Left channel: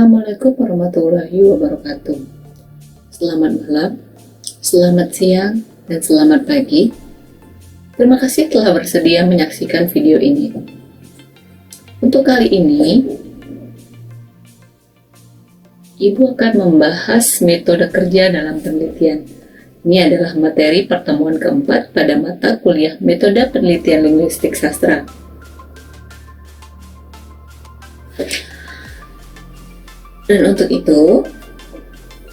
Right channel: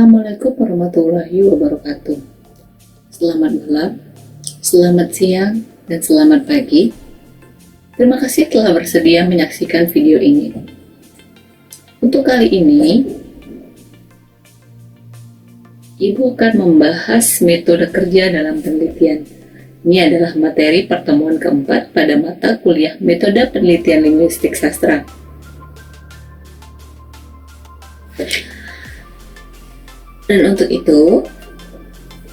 Assalamualaikum warahmatullahi wabarakatuh. Selamat malam, selamat siang, dan selamat pagi. Terima kasih telah bersedia menyaksikan video ini. Untuk kali ini, Ibu akan membahas metode kerja dalam penelitian. Ini adalah materi pertemuan keempat pada mata kuliah Metode Penelitian Linguistik Sastra. Dan untuk itu,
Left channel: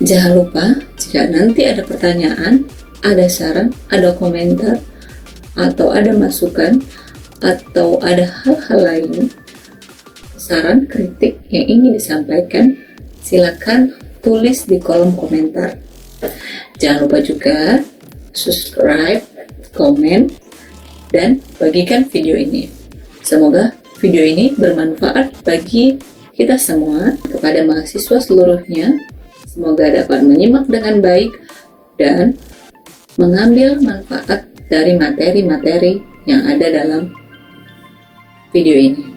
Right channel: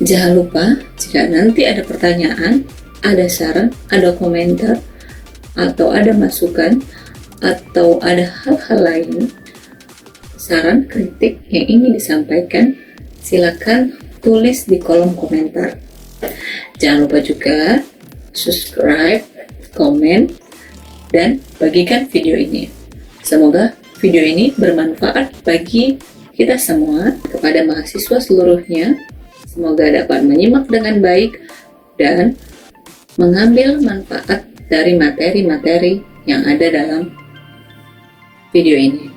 jangan lupa jika nanti ada pertanyaan, ada saran, ada komentar, atau ada masukan, atau ada hal-hal lain, saran, kritik yang ingin disampaikan, silakan tulis di kolom komentar. Jangan lupa juga subscribe, komen, dan bagikan video ini. Semoga video ini bermanfaat bagi kita semua, kepada mahasiswa seluruhnya. Semoga dapat menyimak dengan baik dan mengambil manfaat dari materi-materi yang ada dalam video ini.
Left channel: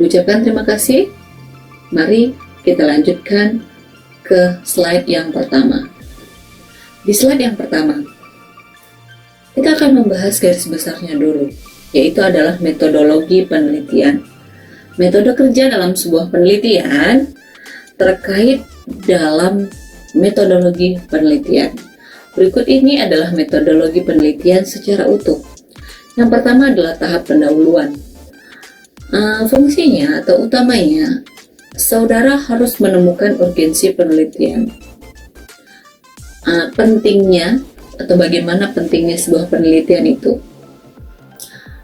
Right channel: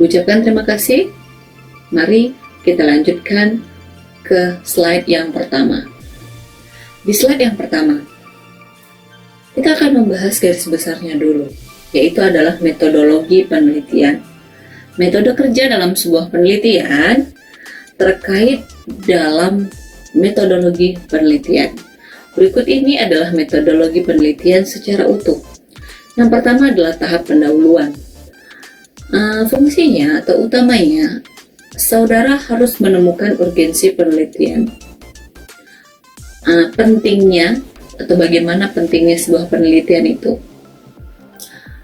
Ucapkan terima kasih. Mari kita lanjutkan ke slide yang pertama. Di slide yang pertama, kita akan membahas garis besarnya dulu, yaitu adalah metodologi penelitian. Metode kerja dalam sebuah penelitian terkait dalam metodologi penelitian. Berikut ini adalah metodologi penelitian secara utuh. Yang pertama adalah tahap pendahuluan. Fungsinya atau utamanya, saudara harus menemukan urgensi penelitian. Pentingnya atau bagaimana pentingnya sebuah penelitian itu.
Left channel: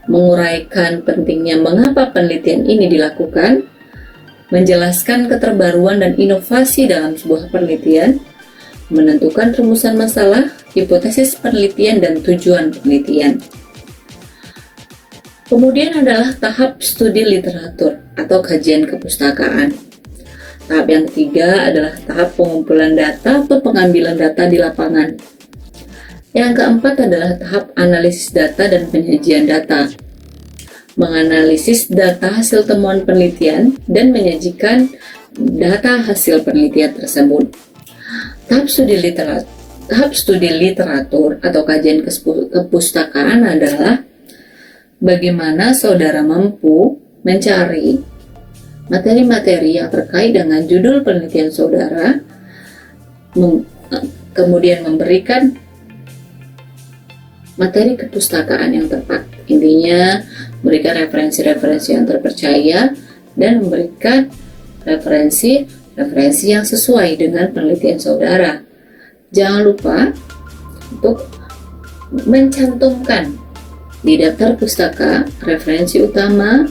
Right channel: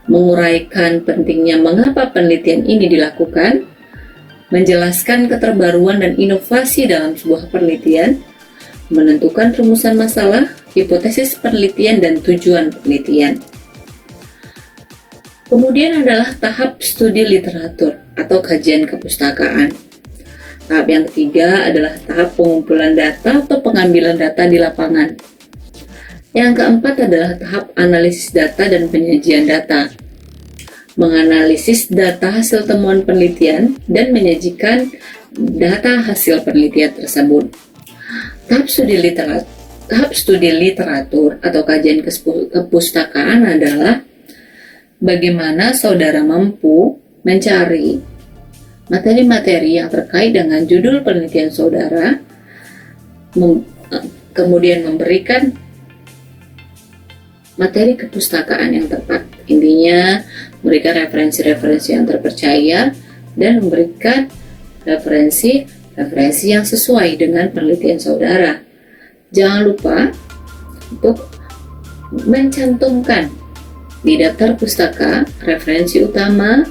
Menguraikan pentingnya mengapa penelitian ini dilakukan, menjelaskan keterbaruan dan inovasi dalam sebuah penelitian, menentukan rumusan masalah, hipotesis penelitian, dan tujuan penelitian. Kemudian adalah tahap studi literatur atau kajian kepustakaan. Tahap yang ketiga adalah tahap pengumpulan data atau pengambilan data di lapangan. Yang keempat adalah tahap analisis data dan penyajian data. Menganalisis data hasil temuan penelitian dan menyajikan data hasil penelitian tersebut. Tahap studi literatur atau kajian kepustakaan adalah bagaimana saudara mampu mencari materi-materi yang terkait dengan judul penelitian saudara, kemudian memberikan materi kepustakaan yang tepat. Intinya, memberikan referensi-referensi yang terpercaya dan memberikan referensi yang sesuai dengan penelitian saudara. Jangan lupa untuk mencantumkan di daftar pustaka referensi utama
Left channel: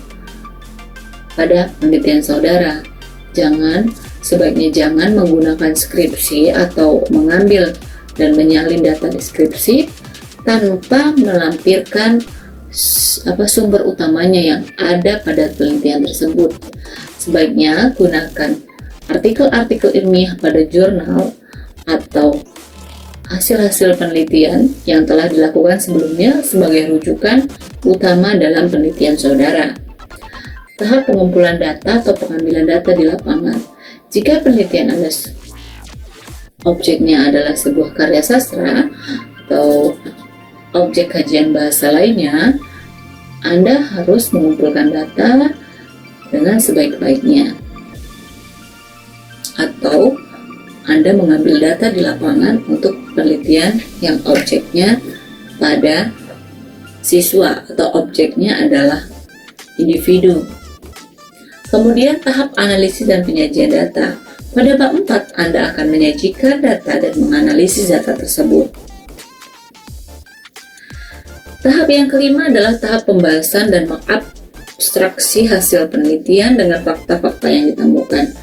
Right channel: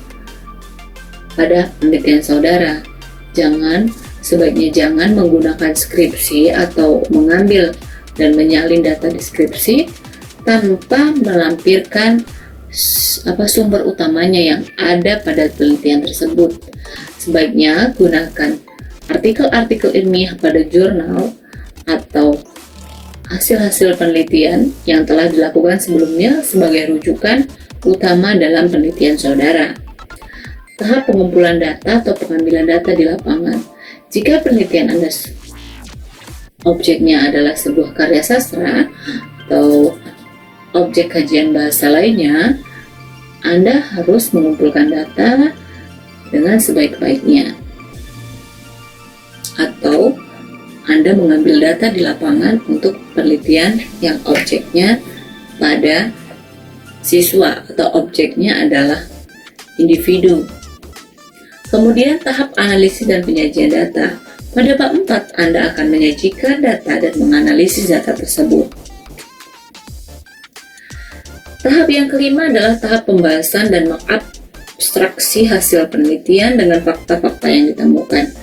pada penelitian saudara. Sebaiknya jangan menggunakan skripsi atau mengambil dan menyalin data deskripsi tanpa melampirkan sumber utamanya yang ada pada penelitian tersebut. Sebaiknya gunakan artikel-artikel ilmiah pada jurnal atau hasil-hasil penelitian yang telah dilakukan sebelumnya sebagai rujukan utama dalam penelitian saudara. Tahap pengumpulan data atau pengambilan data di lapangan. Jika penelitian Anda objeknya adalah sebuah karya sastra atau objek kajian bahasa lainnya, Anda harus mengumpulkan data dengan sebaik-baiknya. Atau Anda mengambil data di lapangan untuk penelitian yang objeknya pada siswa atau objeknya adalah individu. Kemudian tahap analisis dan penyajian data. Pada bab 4, Anda akan menyajikan data dan menganalisis data tersebut. Tahap yang kelima adalah tahap pembahasan dan mengabstraksi hasil penelitian dengan fakta-fakta yang ditemukan.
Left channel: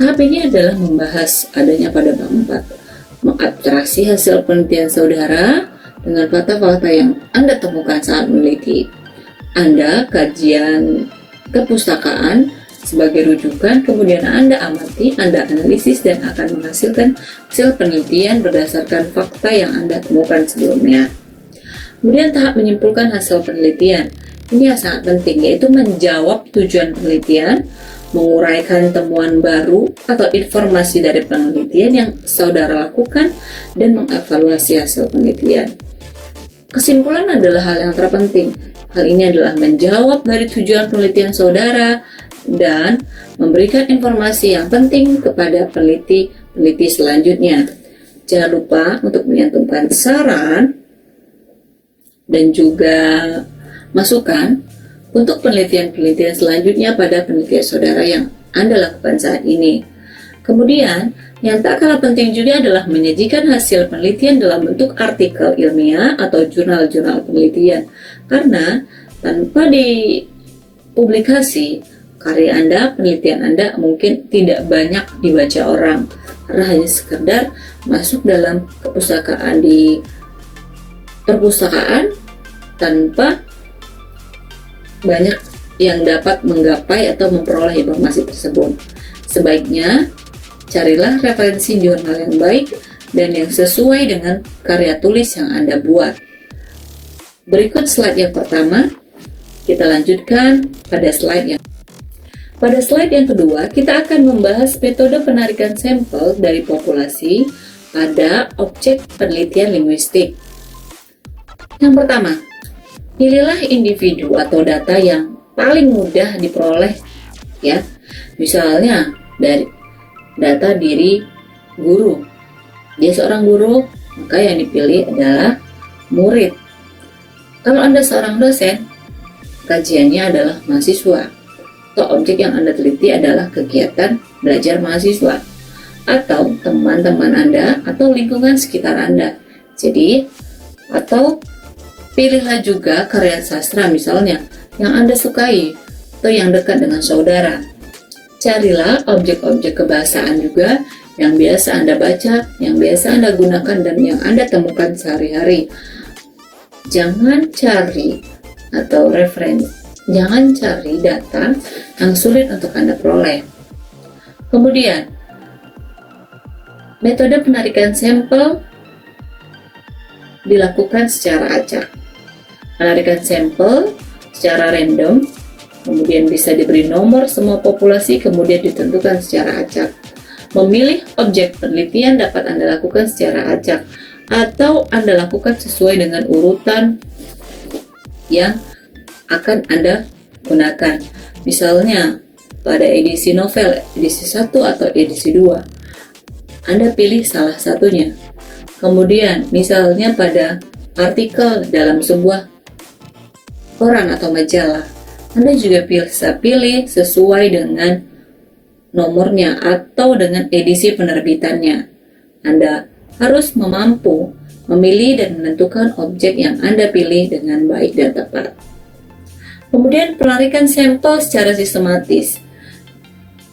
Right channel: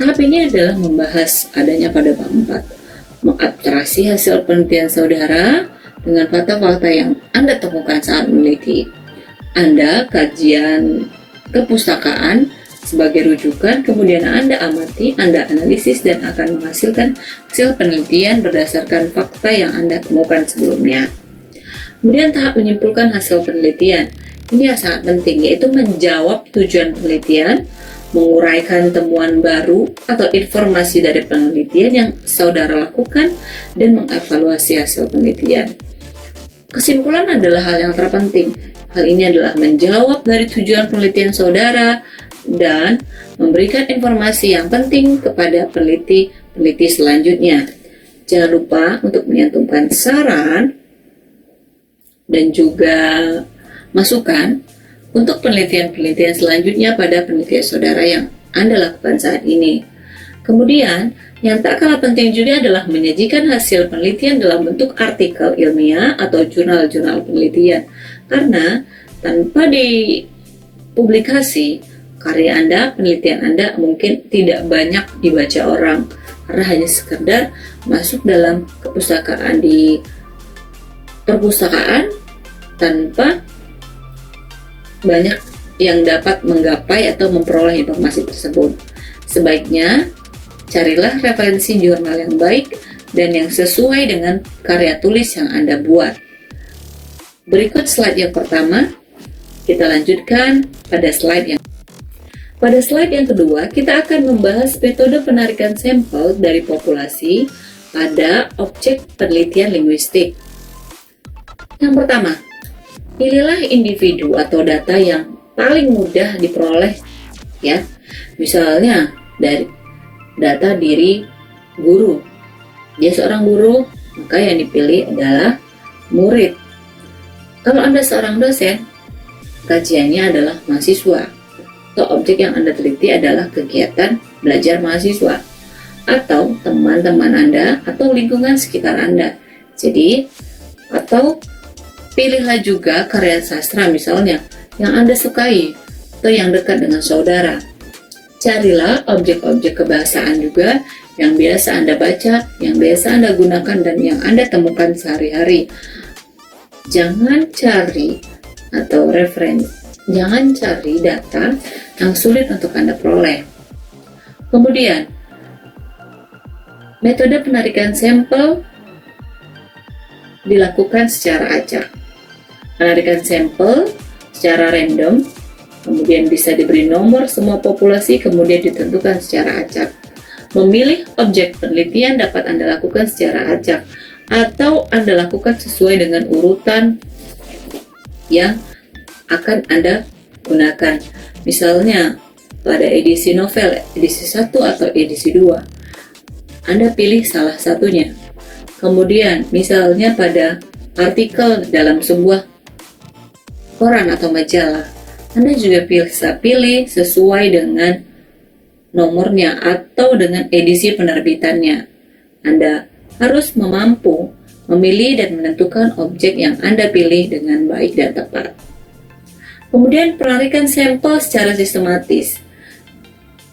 Tahap ini adalah membahas adanya pada bab 4. Mengabstraksi hasil penelitian saudara dengan fakta-fakta yang Anda temukan saat meneliti. Anda kajian kepustakaan sebagai rujukan, kemudian Anda amati, Anda analisis, dan akan menghasilkan hasil penelitian berdasarkan fakta yang Anda temukan sebelumnya. Kemudian tahap menyimpulkan hasil penelitian. Ini yang sangat penting, yaitu menjawab tujuan penelitian, menguraikan temuan baru atau informasi dari penelitian yang saudara lakukan, dan mengevaluasi hasil penelitian. Kesimpulan adalah hal yang terpenting. Hal ini adalah menjawab dari tujuan penelitian saudara dan memberikan informasi yang penting kepada peneliti selanjutnya. Jangan lupa untuk menyantumkan saran dan juga masukan untuk penelitian-penelitian selanjutnya pada penelitian saudara yang Anda lakukan saat ini. Kemudian, yang tak kalah penting juga adalah menyajikan hasil penelitian dalam bentuk artikel ilmiah atau jurnal-jurnal penelitian. Karena tanpa dipublikasi, karya Anda, penelitian Anda mungkin tidak banyak dibaca orang, karena hanya sekedar masuk dalam kepustakaan di perpustakaan tanpa banyak yang dapat menggapai atau memperoleh informasi tersebut. Sebaiknya carilah referensi jurnal yang baik dan yang sesuai dengan karya tulis yang Anda buat. Berikut slide yang pertama, kita lanjutkan pada slide yang kedua, kita akan membahas metode penarikan sampel dari populasi pada objek penelitian linguistik. Yang pertama, pilihlah individu atau data yang paling mudah diperoleh, ya. Misalnya dari data diri guru. Dia seorang guru, maka yang dipilih adalah murid. Kalau Anda seorang dosen, kajiannya adalah mahasiswa. Atau objek yang Anda teliti adalah kegiatan belajar mahasiswa atau teman-teman Anda atau lingkungan sekitar Anda. Jadi, atau pilihlah juga karya sastra misalnya yang Anda sukai atau yang dekat dengan saudara. Carilah objek-objek kebahasaan juga yang biasa Anda baca, yang biasa Anda gunakan, dan yang Anda temukan sehari-hari. Jangan cari data yang sulit untuk Anda peroleh. Kemudian, metode penarikan sampel dilakukan secara acak. Penarikan sampel secara random, kemudian bisa diberi nomor semua populasi, kemudian ditentukan secara acak. Memilih objek penelitian dapat Anda lakukan secara acak, atau Anda lakukan sesuai dengan urutan yang akan Anda gunakan. Misalnya, pada edisi novel, edisi 1 atau edisi 2, Anda pilih salah satunya. Kemudian, misalnya pada artikel dalam sebuah koran atau majalah, Anda juga bisa pilih sesuai dengan nomornya atau dengan edisi penerbitannya. Anda harus mampu memilih dan menentukan objek yang Anda pilih dengan baik dan tepat. Kemudian penarikan sampel secara sistematis.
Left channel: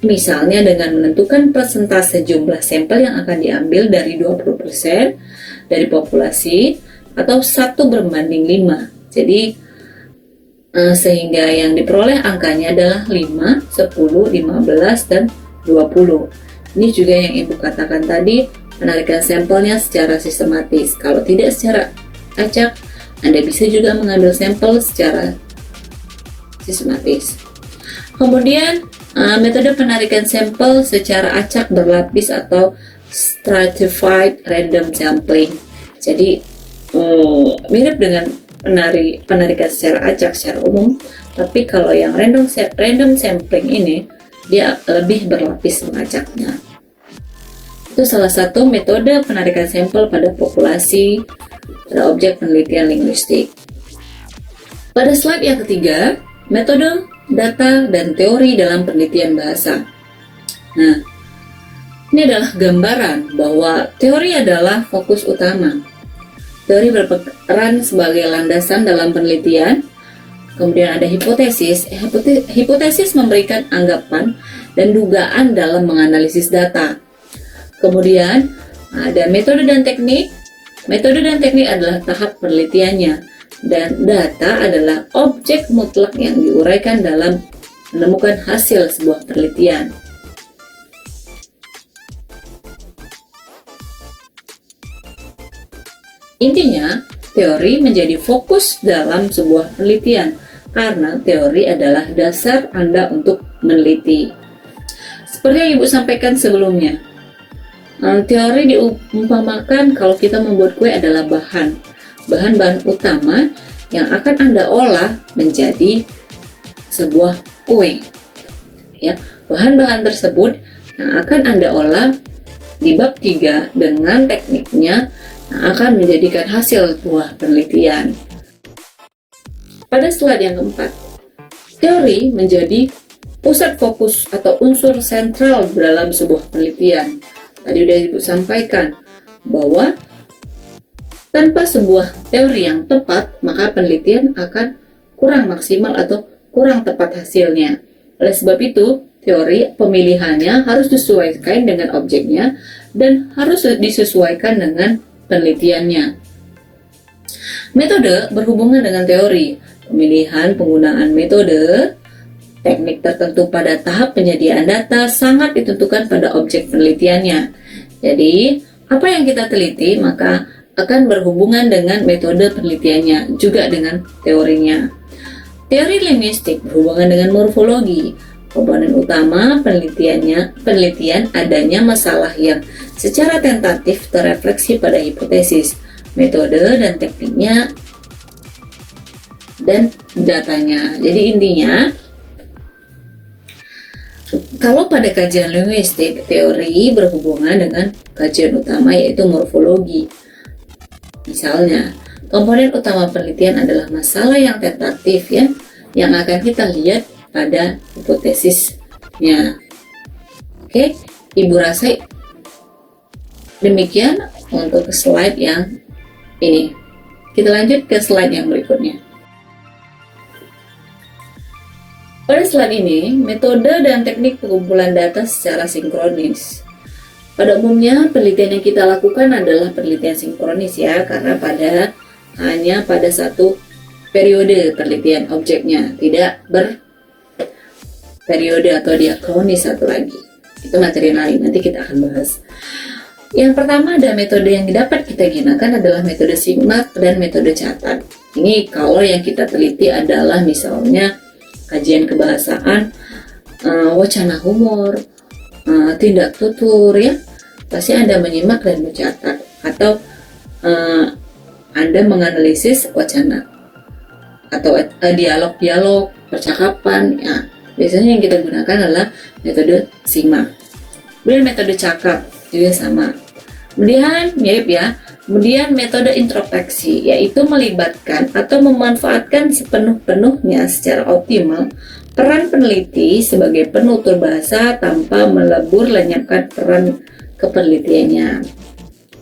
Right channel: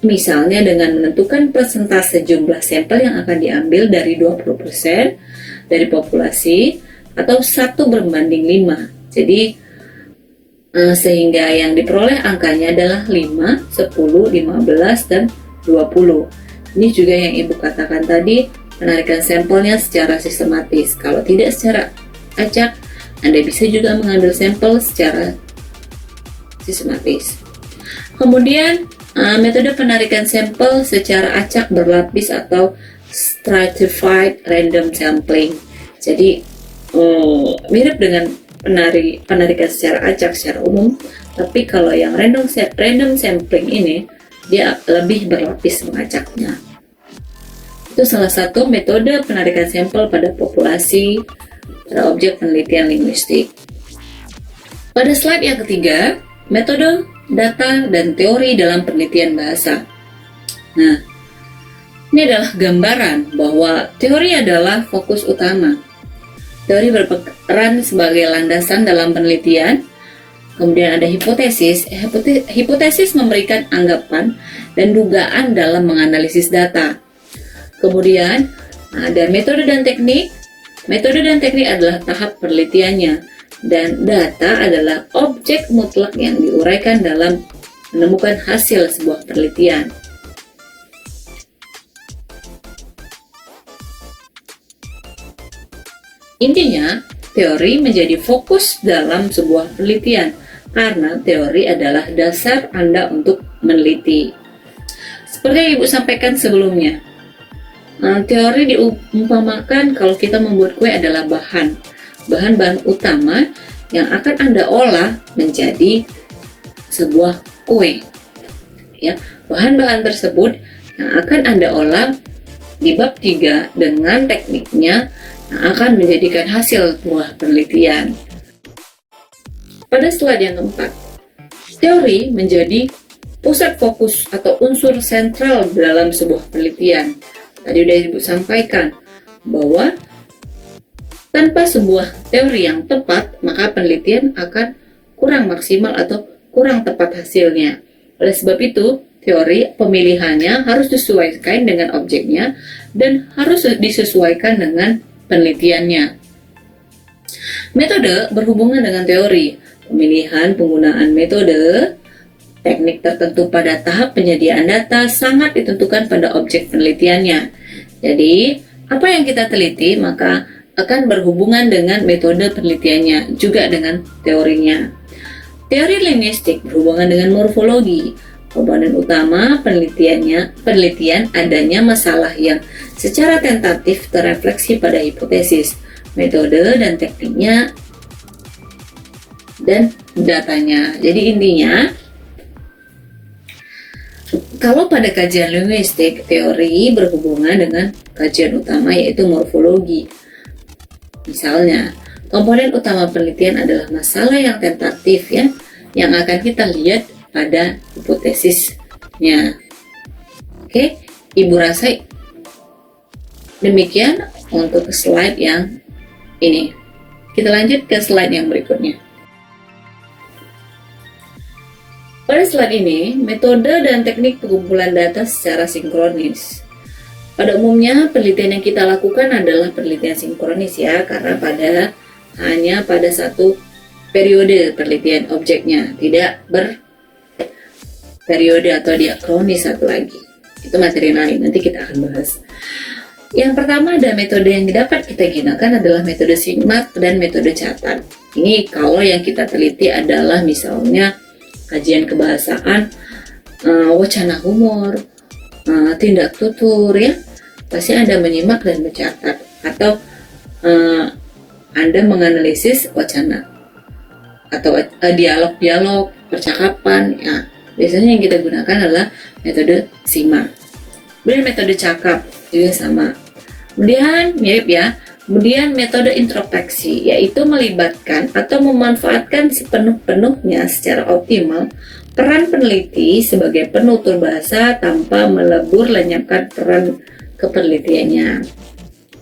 Misalnya dengan menentukan persentase jumlah sampel yang akan diambil dari 20% dari populasi atau 1:5. Jadi sehingga yang diperoleh angkanya adalah 5, 10, 15, dan 20. Ini juga yang Ibu katakan tadi, penarikan sampelnya secara sistematis. Kalau tidak secara acak, Anda bisa juga mengambil sampel secara sistematis. Kemudian metode penarikan sampel secara acak berlapis atau stratified random sampling. Jadi mirip dengan penarikan secara acak secara umum, tapi kalau yang random sampling ini dia lebih berlapis mengacaknya. Itu salah satu metode penarikan sampel pada populasi pada objek penelitian linguistik. Pada slide yang ketiga, metode data dan teori dalam penelitian bahasa. Nah, ini adalah gambaran bahwa teori adalah fokus utama. Teori berperan sebagai landasan dalam penelitian. Kemudian ada hipotesis. Hipotesis memberikan anggapan dan dugaan dalam menganalisis data. Kemudian ada metode dan teknik. Metode dan teknik adalah tahap penelitiannya. Dan data adalah objek mutlak yang diuraikan dalam menemukan hasil sebuah penelitian. Intinya, teori menjadi fokus dalam sebuah penelitian karena teori adalah dasar Anda untuk meneliti. Seperti yang Ibu sampaikan sebelumnya, teori diumpamakan kalau kita membuat kue adalah bahan-bahan utama yang akan Anda olah menjadi sebuah kue. Ya, bahan-bahan tersebut yang akan Anda olah di bab 3 dengan tekniknya yang akan menjadikan hasil buah penelitian. Pada slide yang keempat, teori menjadi pusat fokus atau unsur sentral dalam sebuah penelitian. Tadi sudah Ibu sampaikan bahwa tanpa sebuah teori yang tepat, maka penelitian akan kurang maksimal atau kurang tepat hasilnya. Oleh sebab itu, teori pemilihannya harus disesuaikan dengan objeknya dan harus disesuaikan dengan penelitiannya. Metode berhubungan dengan teori. Pemilihan penggunaan metode, teknik tertentu pada tahap penyediaan data sangat ditentukan pada objek penelitiannya. Jadi, apa yang kita teliti maka akan berhubungan dengan metode penelitiannya, juga dengan teorinya. Teori linguistik berhubungan dengan morfologi. Komponen utama penelitian adanya masalah yang secara tentatif terrefleksi pada hipotesis, metode dan tekniknya, dan datanya. Jadi intinya, kalau pada kajian linguistik, teori berhubungan dengan kajian utama yaitu morfologi. Misalnya, komponen utama penelitian adalah masalah yang tentatif ya, yang akan kita lihat pada hipotesisnya. Oke, Ibu rasa demikian untuk slide yang ini. Kita lanjut ke slide yang berikutnya. Pada slide ini, metode dan teknik pengumpulan data secara sinkronis. Pada umumnya, penelitian yang kita lakukan adalah penelitian sinkronis ya, karena hanya pada satu periode penelitian objeknya, tidak berperiode atau diakronis satu lagi. Itu materi lain, nanti kita akan bahas. Yang pertama ada metode yang dapat kita gunakan adalah metode simak dan metode catat. Ini kalau yang kita teliti adalah misalnya kajian kebahasaan, wacana humor, tindak tutur ya, pasti Anda menyimak dan mencatat, atau Anda menganalisis wacana atau dialog-dialog, percakapan ya. Biasanya yang kita gunakan adalah metode simak. Kemudian metode cakap juga sama. Kemudian mirip ya. Kemudian metode introspeksi, yaitu melibatkan atau memanfaatkan sepenuh-penuhnya secara optimal peran peneliti sebagai penutur bahasa tanpa melebur lenyapkan peran kepenelitiannya.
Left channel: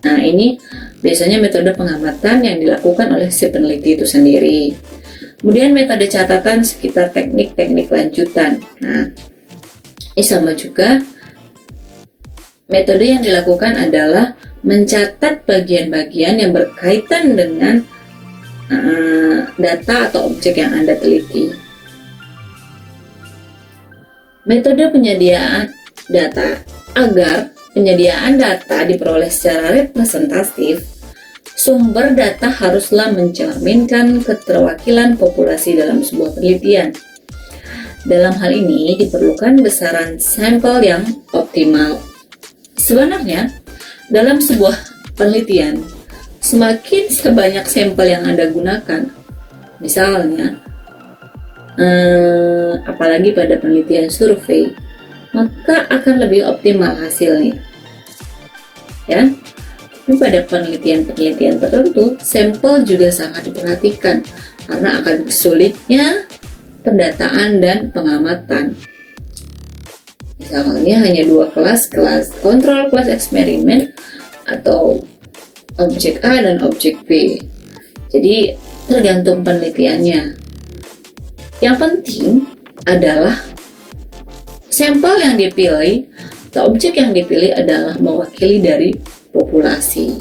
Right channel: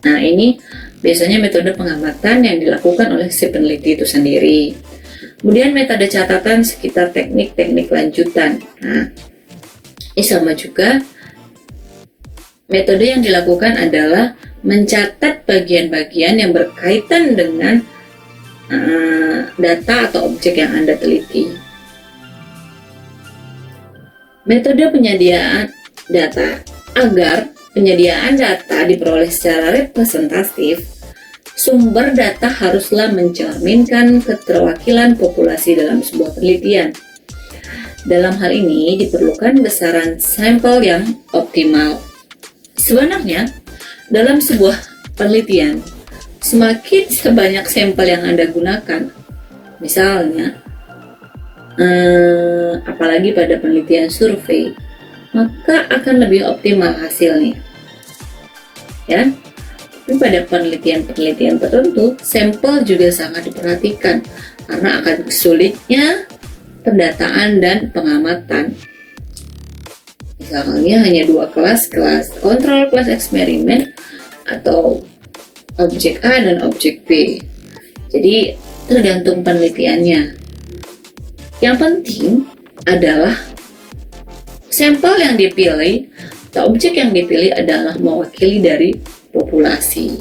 Nah, ini biasanya metode pengamatan yang dilakukan oleh si peneliti itu sendiri. Kemudian metode catatan sekitar teknik-teknik lanjutan. Nah, ini sama juga. Metode yang dilakukan adalah mencatat bagian-bagian yang berkaitan dengan data atau objek yang Anda teliti. Metode penyediaan data. Agar penyediaan data diperoleh secara representatif, sumber data haruslah mencerminkan keterwakilan populasi dalam sebuah penelitian. Dalam hal ini diperlukan besaran sampel yang optimal. Sebenarnya, dalam sebuah penelitian, semakin sebanyak sampel yang Anda gunakan, misalnya, apalagi pada penelitian survei, maka akan lebih optimal hasilnya. Ya, tapi pada penelitian-penelitian tertentu, sampel juga sangat diperhatikan karena akan sulitnya pendataan dan pengamatan. Misalnya hanya 2 kelas kontrol, kelas eksperimen, atau objek A dan objek B. Jadi tergantung penelitiannya. Yang penting adalah sampel yang dipilih atau objek yang dipilih adalah mewakili dari populasi.